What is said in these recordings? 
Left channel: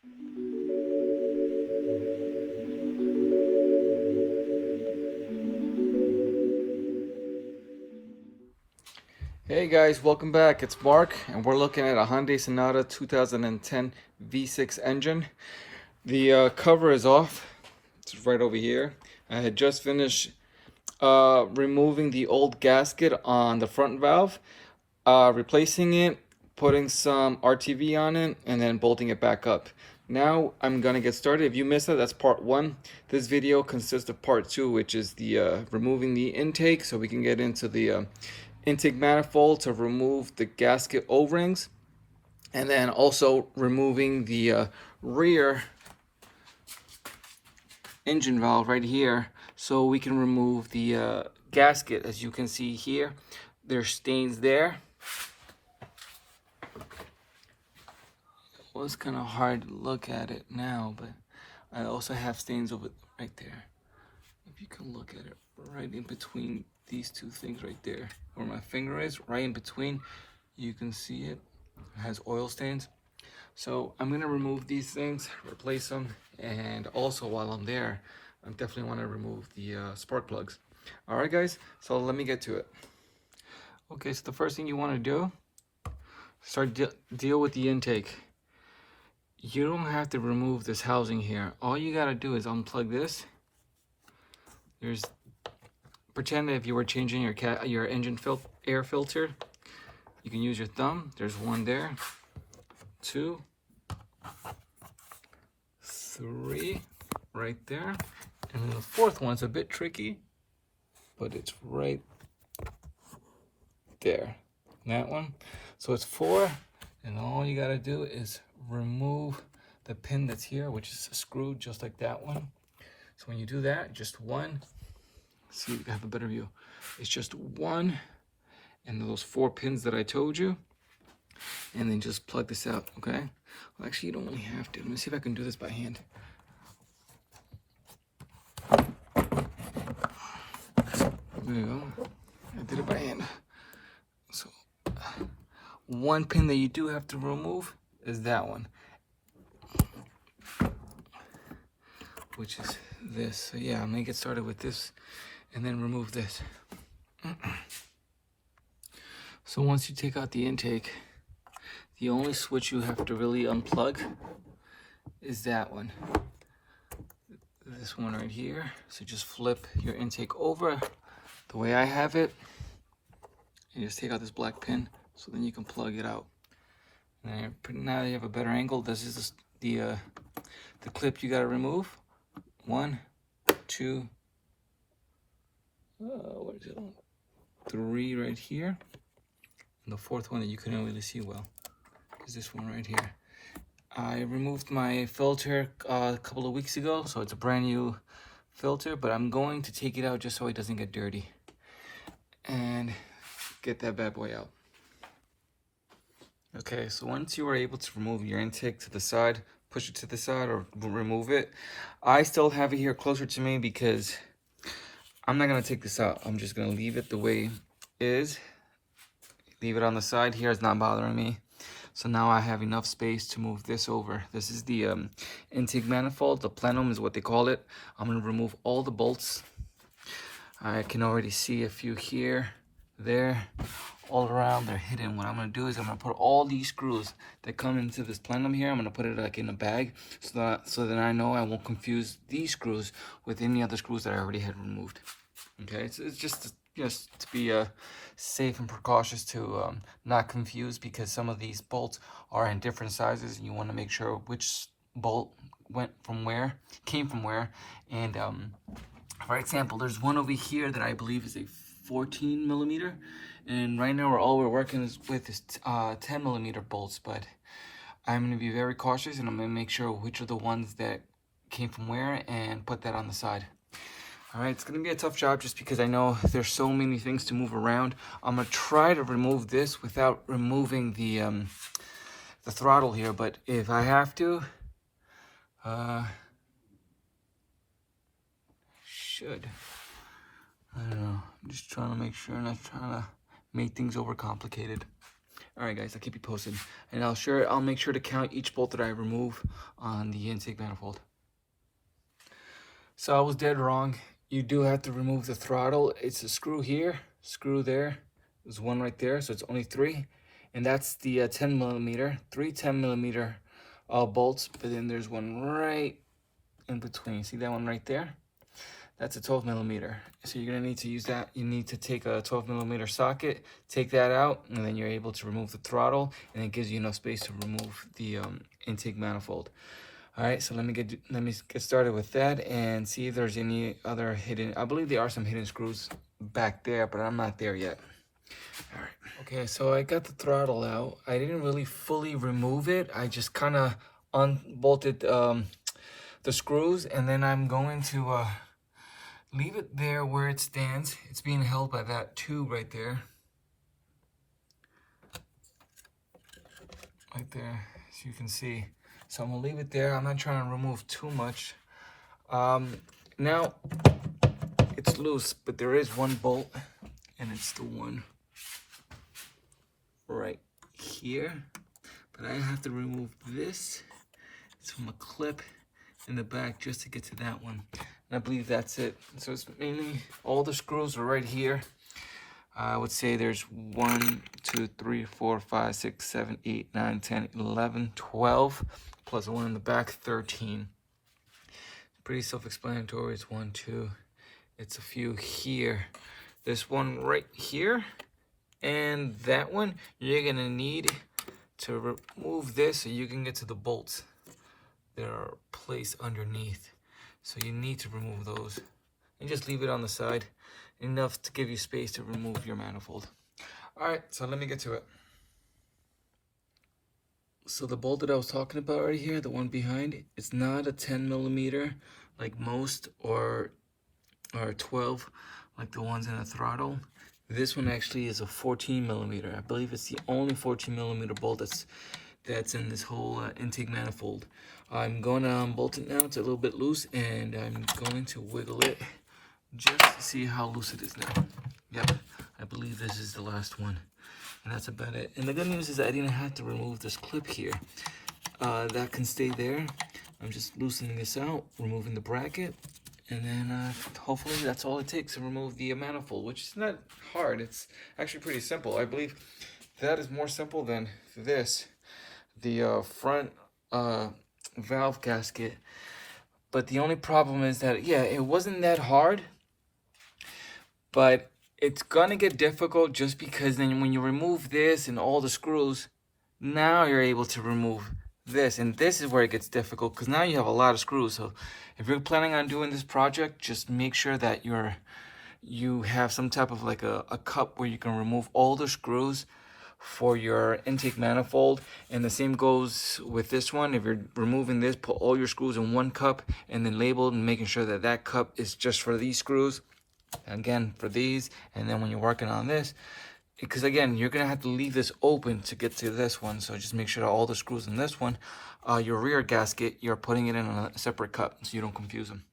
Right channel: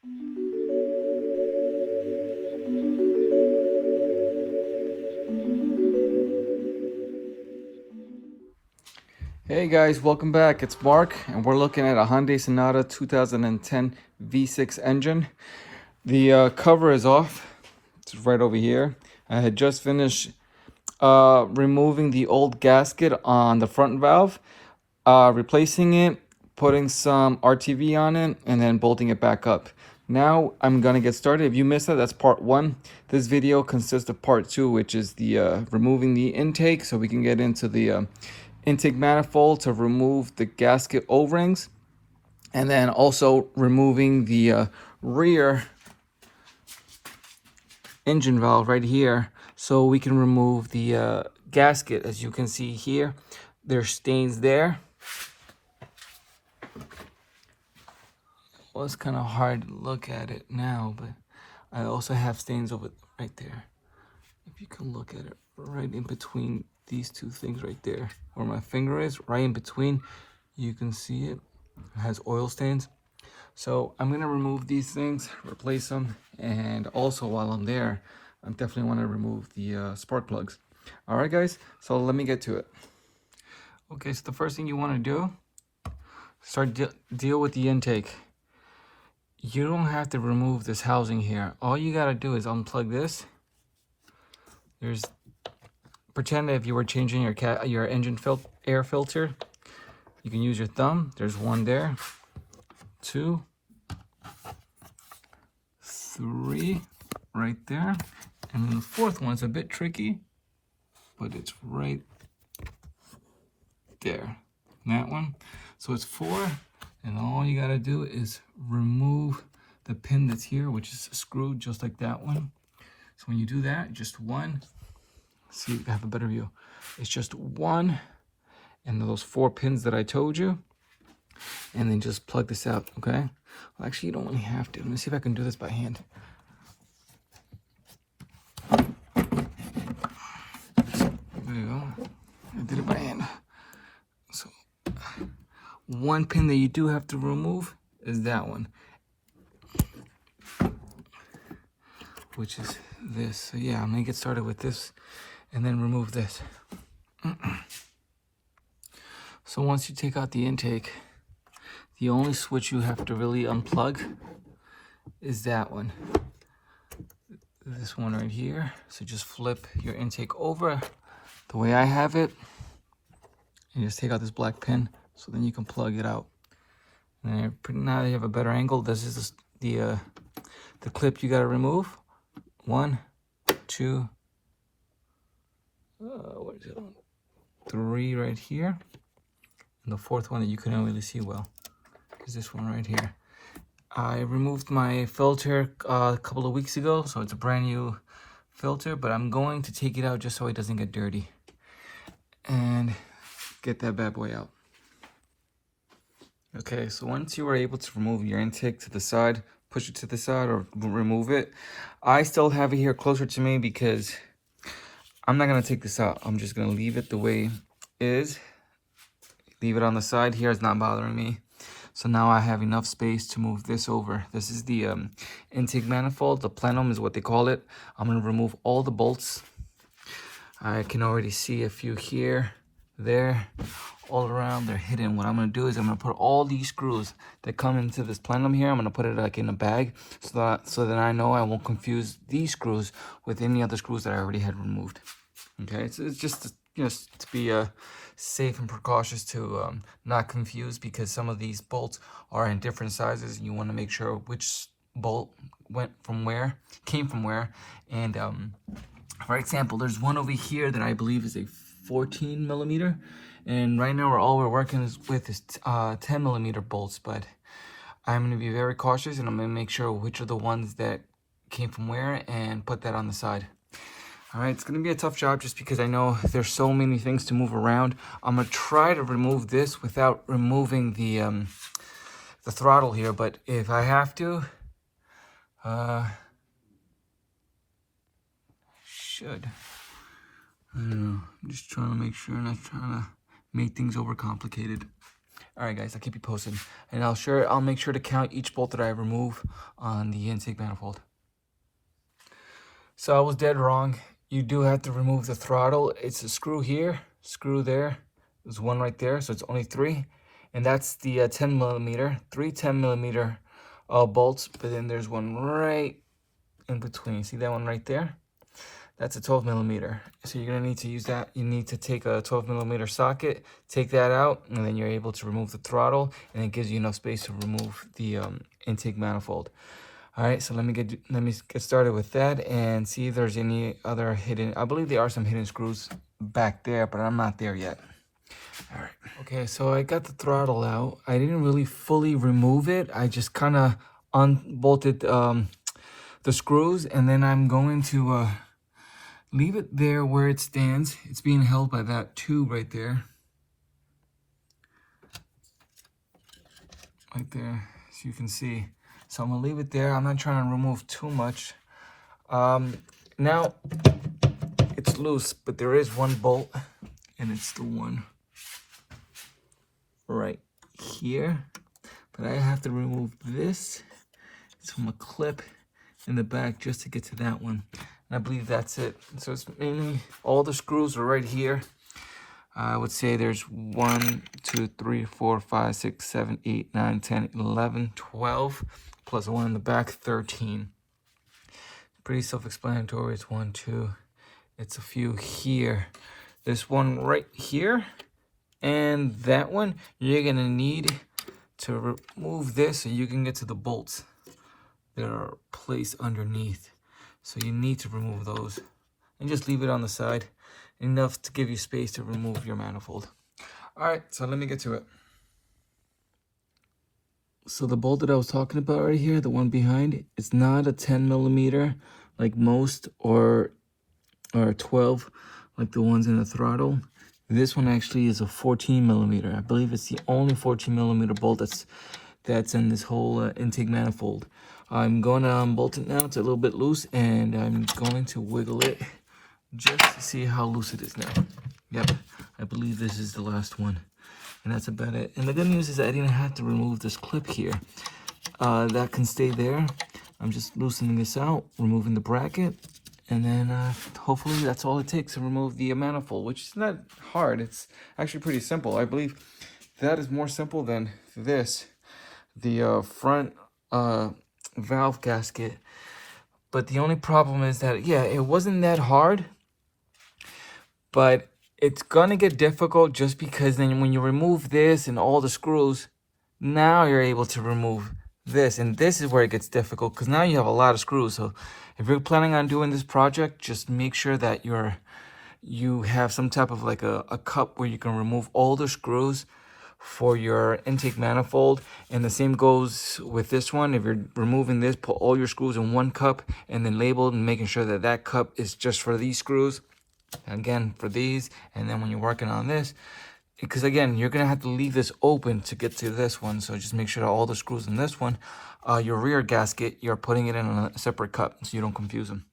Hey guys, welcome back. It's Mark, and we're looking at a Hyundai Sonata 2010 V6 engine. The cover is off. It's right over here. I had just finished removing the old gasket on the front valve, replacing it, putting some RTV on it, and then bolting it back up. Now I'm gonna get started. If you missed that, that's part one. This video consists of part two, which is the removing the intake, so we can get into the intake manifold to remove the gasket O-rings, and then also removing the rear engine valve right here, so we can remove the gasket. As you can see here, there's stains there. Well, it's kind of hard to look at it now, but I also have stains over right there. If you can look at it, right in between these two things right there, where my finger is, right in between, you can see it. It has oil stains. So I'm gonna remove these things, replace them, and also while I'm there, I definitely want to remove the spark plugs. All right, guys. So let me get to it. Okay, so the first thing you want to do, deal with the intake. You don't have to remove this housing here. All you gotta do is unplug this. Pretend if you were changing your engine air filter. You can use your thumb. There's one there, 2, 3, right there. And then the fourth one's a bit tricky, but it's right there. That one. So it's 4, and all you gotta do is remove the pin that's here, which is screwed just like that one. So when you do that, just one. See, you have a better view. It's just one, and those 4 pins that I told you, and then just plug this out. Okay. Well, actually, you don't really have to. Let me see if I can do this by hand. There you go. I did it by hand. So one pin that you do have to remove is that one, which is this. So yeah, I'm gonna get started with this and then remove this. So once you take out the intake, the only switch you have to really unplug is that one. This one right here. So just flip your intake over the way I have it, and just take out this black pin, so then you can plug it out. And now you have a better angle. This is the clip you got to remove. 1, 2, what is it? 3 right here, and the fourth one that you couldn't really see well is this one right here. I removed my filter a couple of weeks ago, so it's a brand new filter, but I'm going to take it out just so it doesn't get dirty and get that bad boy out. Okay, so once you were able to remove your intake to the side, push it to the side or remove it, I still have it here closer to me because I'm not going to take this out. I'm just going to leave it the way it is. Leave it on the side here. It's not bothering me. So now I have enough space to move this over. This is the intake manifold. The plenum is what they call it. I'm going to remove all the bolts. I can already see a few here, there, all around. They're hidden. What I'm going to do is I'm going to put all these screws that come into this plenum here. I'm going to put it like in a bag so that I know I won't confuse these screws with any other screws that I already had removed. Okay, so it's just to be safe and precautious to not confuse, because some of these bolts are in different sizes and you want to make sure which bolt came from where. And for example, there's one over here that I believe is a 14 millimeter, and right now all we're working with is 10 millimeter bolts, but I'm going to be very cautious and I'm going to make sure which are the ones that came from where and put that on the side. All right, it's going to be a tough job just because I know there's so many things to move around. I'm going to try to remove this without removing the throttle here, but if I have to, should. I don't know. I'm just trying to make sure, not trying to make things overcomplicated. All right, guys, I'll keep you posted. And I'll make sure to count each bolt that I remove on the intake manifold. So I was dead wrong. You do have to remove the throttle. It's a screw here, screw there. There's one right there, so it's only 3. And that's the 10 millimeter, 3 10 millimeter bolts. But then there's one right in between. See that one right there? That's a 12 millimeter. So you're gonna need to use that. You need to take a 12 millimeter socket, take that out, and then you're able to remove the throttle, and it gives you enough space to remove the intake manifold. All right, so let me get started with that and see if there's any other hidden. I believe there are some hidden screws back there, but I'm not there yet. All right. Okay, so I got the throttle out. I didn't really fully remove it. I just kind of unbolted the screws, and then I'm going to leave it there where it stands. It's being held by that tube right there. Right there, as you can see. So I'm gonna leave it there. I'm not trying to remove too much. Now, it's loose, but there is one bolt, and it's the one right here. But I have to remove this. It's from a clip in the back just to get to that one. And I believe that's it. So it's mainly, all the screws are right here. I would say there's 1, 2, 3, 4, 5, 6, 7, 8, 9, 10, 11, 12, plus the one in the back, 13. Pretty self-explanatory. It's 1, 2. It's a few here. There's one right here, and that one. You're gonna need to remove this so you can get to the bolts that are placed underneath. So you need to remove those, and just leave it on the side, enough to give you space to remove your manifold. All right, so let me get to it. So the bolt that I was talking about right here, the one behind, it's not a 10 millimeter like most, or 12 like the ones in the throttle. This one actually is a 14 millimeter. I believe it's the only 14 millimeter bolt that's in this whole intake manifold. I'm going to unbolt it now. It's a little bit loose, and I'm going to wiggle it just to see how loose it is now. Yep, I believe this is the last one. And that's about it. And the good news is I didn't have to remove this clip here. That can stay there. I'm just loosening this out, removing the bracket, and then hopefully that's all it takes to remove the manifold, which is not hard. It's actually pretty simple. I believe that is more simple than this, the front valve gasket. But the only problem is that, yeah, it wasn't that hard, but it's gonna get difficult just because then when you remove this and all the screws, now you're able to remove this, and this is where it gets difficult because now you have a lot of screws. So if you're planning on doing this project, just make sure that you have some type of like a cup where you can remove all the screws for your intake manifold. And the same goes with this one. If you're removing this, put all your screws in one cup and then label and making sure that that cup is just for these screws, again for these. And then when you're working on this, because again, you're gonna have to leave this open to get to this one, so just make sure that all the screws in this one, your rear gasket, you're putting it in a separate cup so you don't confuse them.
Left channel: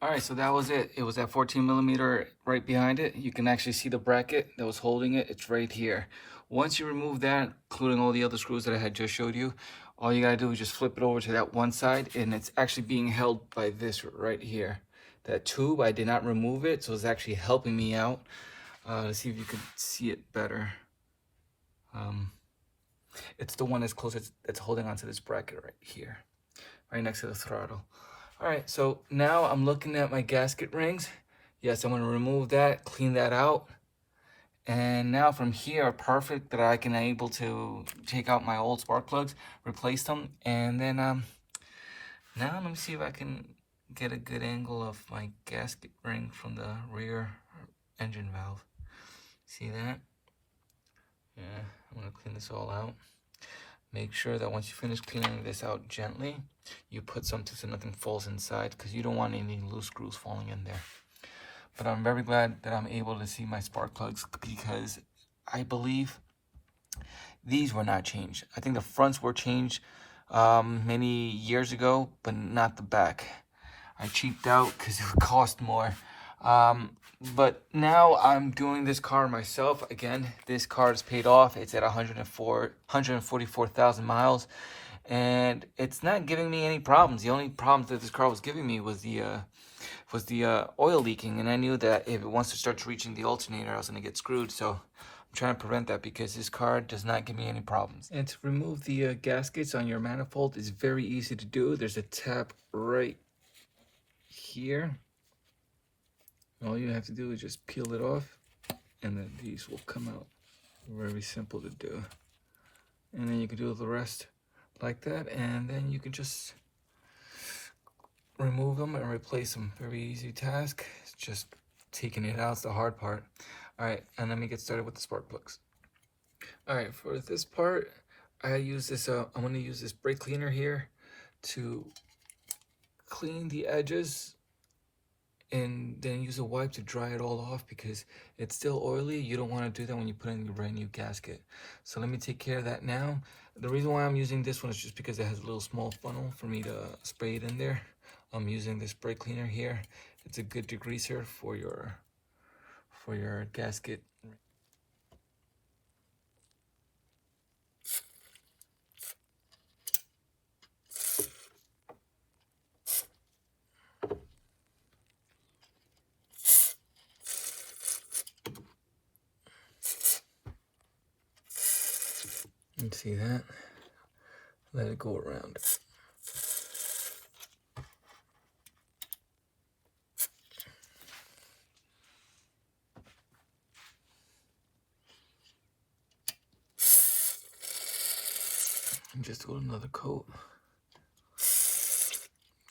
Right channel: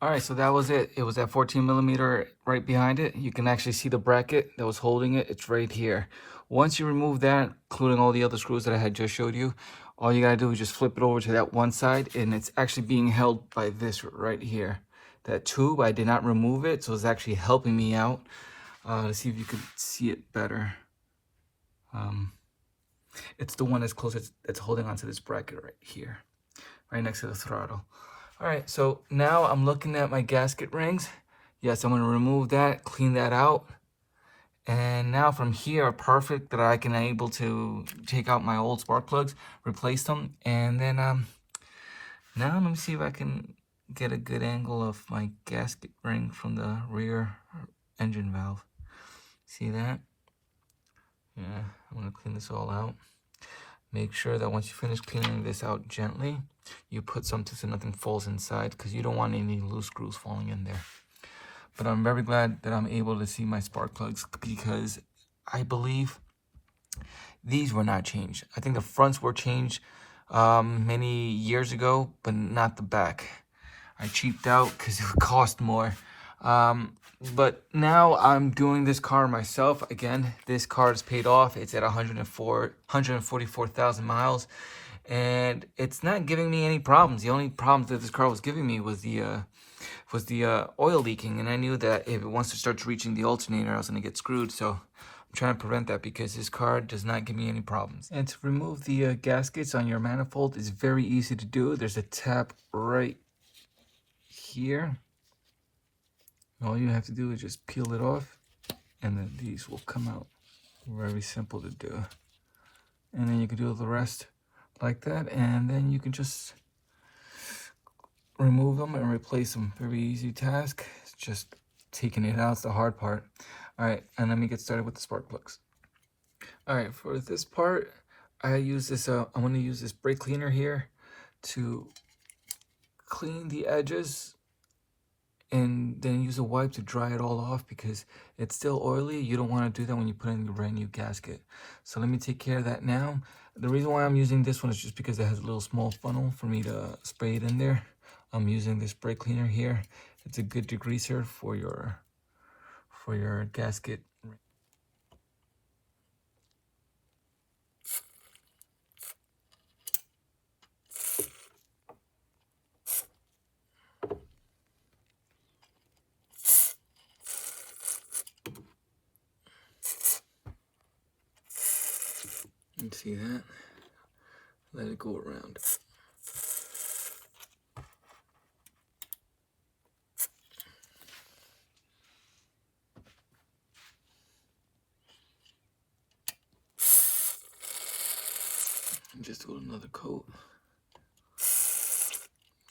All right, so that was it. It was that 14 millimeter right behind it. You can actually see the bracket that was holding it. It's right here. Once you remove that, including all the other screws that I had just showed you, all you gotta do is just flip it over to that one side, and it's actually being held by this right here. That tube, I did not remove it, so it's actually helping me out. Let's see if you can see it better. It's the one that's closest, that's holding onto this bracket right here, right next to the throttle. All right, so now I'm looking at my gasket rings. Yes, I'm gonna remove that, clean that out. And now from here, perfect that I can able to take out my old spark plugs, replace them. And then now let me see if I can get a good angle of my gasket ring from the rear engine valve. See that? Yeah, I'm gonna clean this all out. Make sure that once you finish cleaning this out gently, you put something so nothing falls inside, because you don't want any loose screws falling in there. But I'm very glad that I'm able to see my spark plugs, because I believe these were not changed. I think the fronts were changed many years ago, but not the back. I cheaped out because it would cost more. But now I'm doing this car myself. Again, this car is paid off. It's at 144,000 miles, and it's not giving me any problems. The only problems that this car was giving me was the oil leaking, and I knew that if it wants to start reaching the alternator, I was gonna get screwed. So I'm trying to prevent that because this car does not give me any problems. And to remove the gaskets on your manifold is very easy to do. There's a tab right here. All you have to do is just peel it off, and then these will come out. Very simple to do. And then you can do the rest like that, and then you can just remove them and replace them. Very easy task. It's just taking it out is the hard part. All right, and let me get started with the spark plugs. All right, for this part, I use this. I'm going to use this brake cleaner here to clean the edges, and then use a wipe to dry it all off because it's still oily. You don't want to do that when you put in your brand new gasket. So let me take care of that now. The reason why I'm using this one is just because it has a little small funnel for me to spray it in there. I'm using this brake cleaner here. It's a good degreaser for your gasket. You can see that. Let it go around. And just do another coat.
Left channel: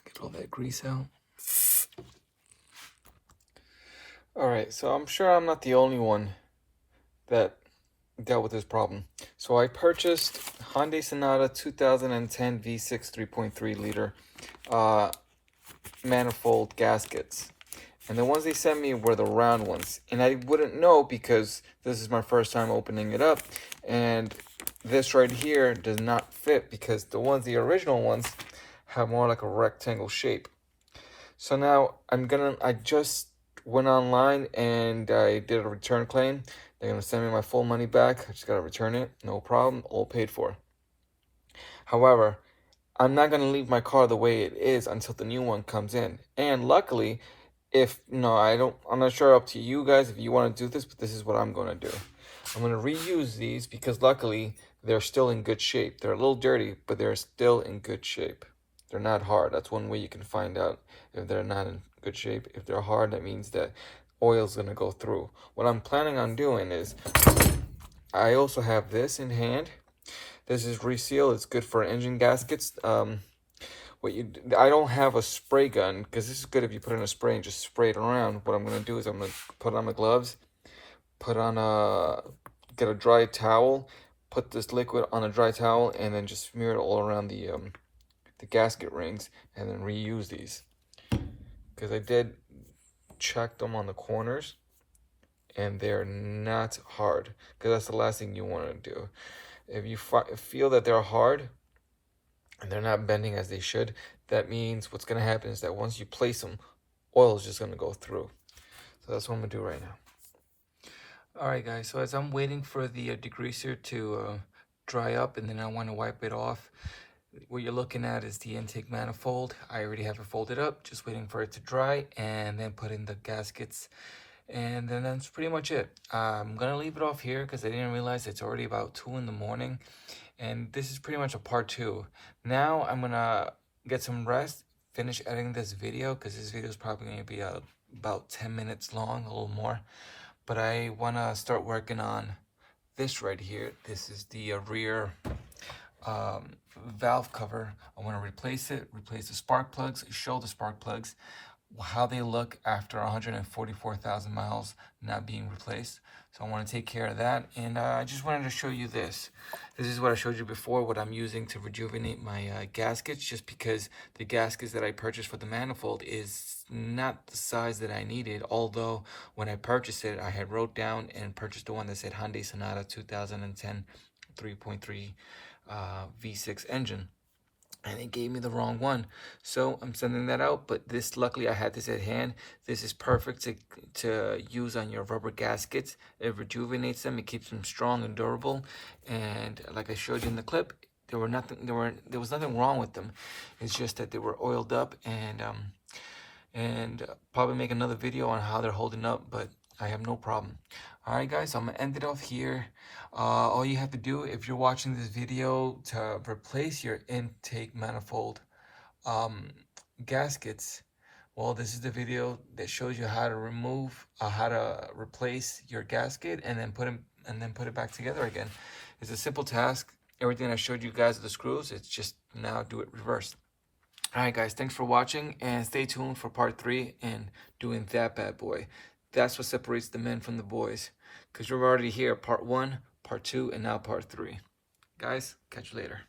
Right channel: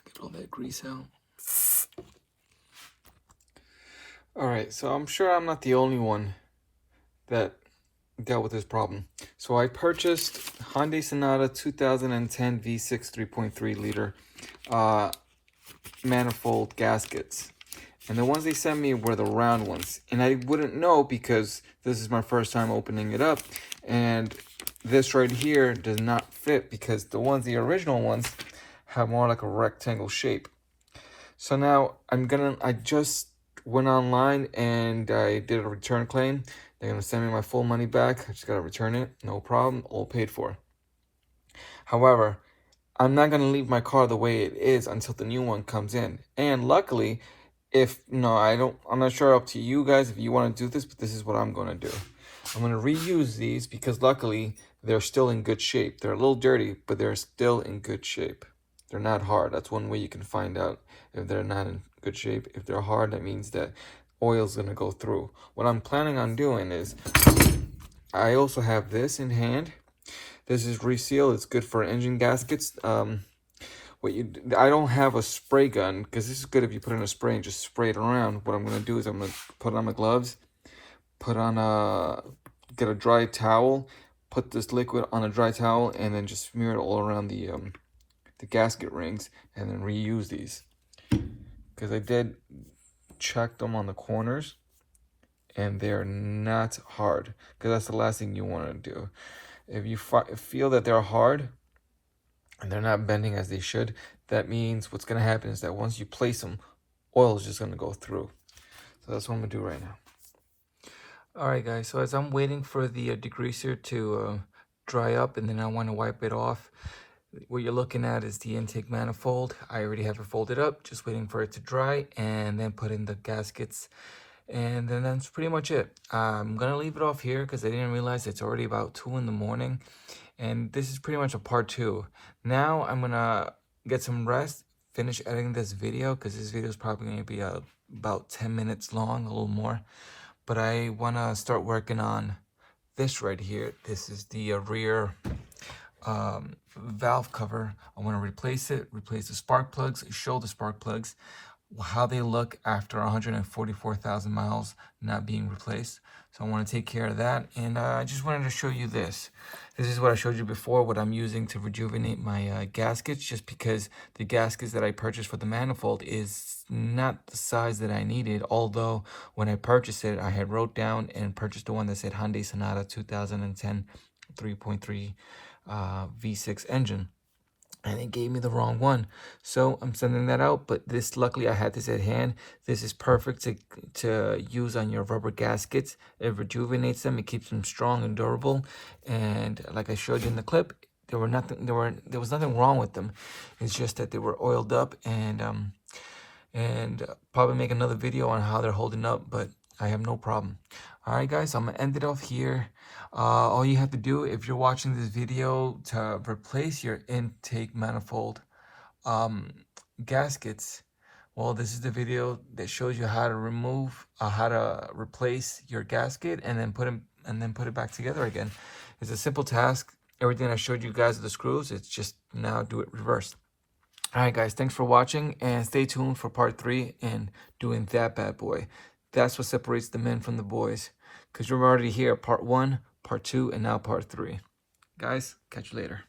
Get all that grease out. All right, so I'm sure I'm not the only one that dealt with this problem. So I purchased Hyundai Sonata 2010 V6 3.3 liter manifold gaskets. And the ones they sent me were the round ones. And I wouldn't know because this is my first time opening it up. And this right here does not fit because the original ones, have more like a rectangle shape. So now I just went online and I did a return claim. They're gonna send me my full money back. I just gotta return it, no problem, all paid for. However, I'm not gonna leave my car the way it is until the new one comes in. And luckily, I'm not sure up to you guys if you want to do this, but this is what I'm gonna do. I'm gonna reuse these because luckily they're still in good shape. They're a little dirty, but they're still in good shape. They're not hard. That's one way you can find out if they're not in good shape. If they're hard, that means that oil's gonna go through. What I'm planning on doing is, I also have this in hand. This is reseal. It's good for engine gaskets. I don't have a spray gun because this is good if you put in a spray and just spray it around. What I'm gonna do is I'm gonna put on my gloves, get a dry towel, put this liquid on a dry towel, and then just smear it all around the gasket rings, and then reuse these. Because I did check them on the corners, and they're not hard. Because that's the last thing you want to do. If you feel that they're hard and they're not bending as they should, that means what's going to happen is that once you place them, oil is just going to go through. So that's what I'm going to do right now. All right, guys. So as I'm waiting for the degreaser to dry up, and then I want to wipe it off, what you're looking at is the intake manifold. I already have it folded up, just waiting for it to dry, and then put in the gaskets. And then that's pretty much it. I'm going to leave it off here because I didn't realize it's already about 2 in the morning. And this is pretty much a part 2. Now I'm going to get some rest, finish editing this video because this video is probably going to be about 10 minutes long, a little more. But I want to start working on this right here. This is the rear valve cover. I want to replace the spark plugs, show the spark plugs, how they look after 144,000 miles not being replaced. So I want to take care of that. And I just wanted to show you this. This is what I showed you before, what I'm using to rejuvenate my gaskets, just because the gaskets that I purchased for the manifold is not the size that I needed. Although when I purchased it, I had wrote down and purchased the one that said Hyundai Sonata 2010 3.3 V6 engine. and it gave me the wrong one. So I'm sending that out, but this, luckily I had this at hand. This is perfect to use on your rubber gaskets. It rejuvenates them, it keeps them strong and durable. And like I showed you in the clip, there was nothing wrong with them. It's just that they were oiled up, and probably make another video on how they're holding up, but I have no problem. All right, guys, I'm gonna end it off here. All you have to do, if you're watching this video, to replace your intake manifold gaskets, well, this is the video that shows you how to how to replace your gasket and then put it back together again. It's a simple task. Everything I showed you guys with the screws, it's just now do it reversed. All right, guys, thanks for watching, and stay tuned for part 3 and doing that bad boy. That's what separates the men from the boys, because you're already here, part 1, part 2, and now part 3. Guys, catch you later.